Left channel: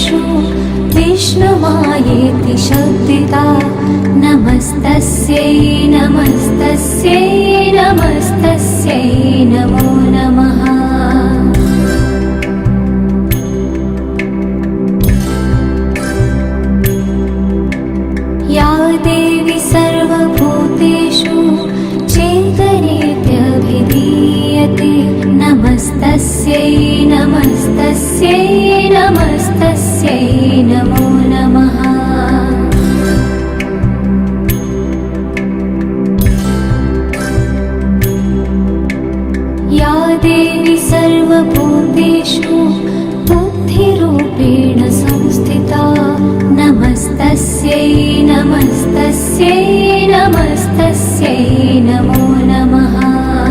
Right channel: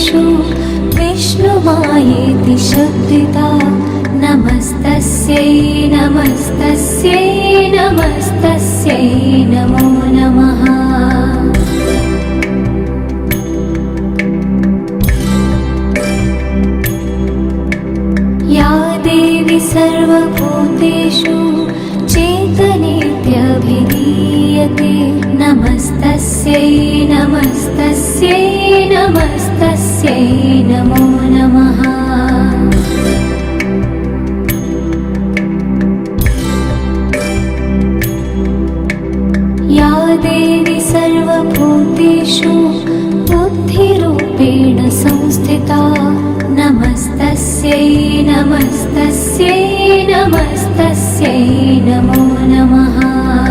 भूतेषु विष्णुमायेति शब्दिता नमस्तस्यै नमस्तस्यै नमस्तस्यै नमो नमः। या देवी सर्वभूतेषु चेतनेत्यभिधीयते नमस्तस्यै नमस्तस्यै नमस्तस्यै नमो नमः। या देवी सर्वभूतेषु बुद्धिरूपेण संस्थिता नमस्तस्यै नमस्तस्यै नमस्तस्यै नमो नमः।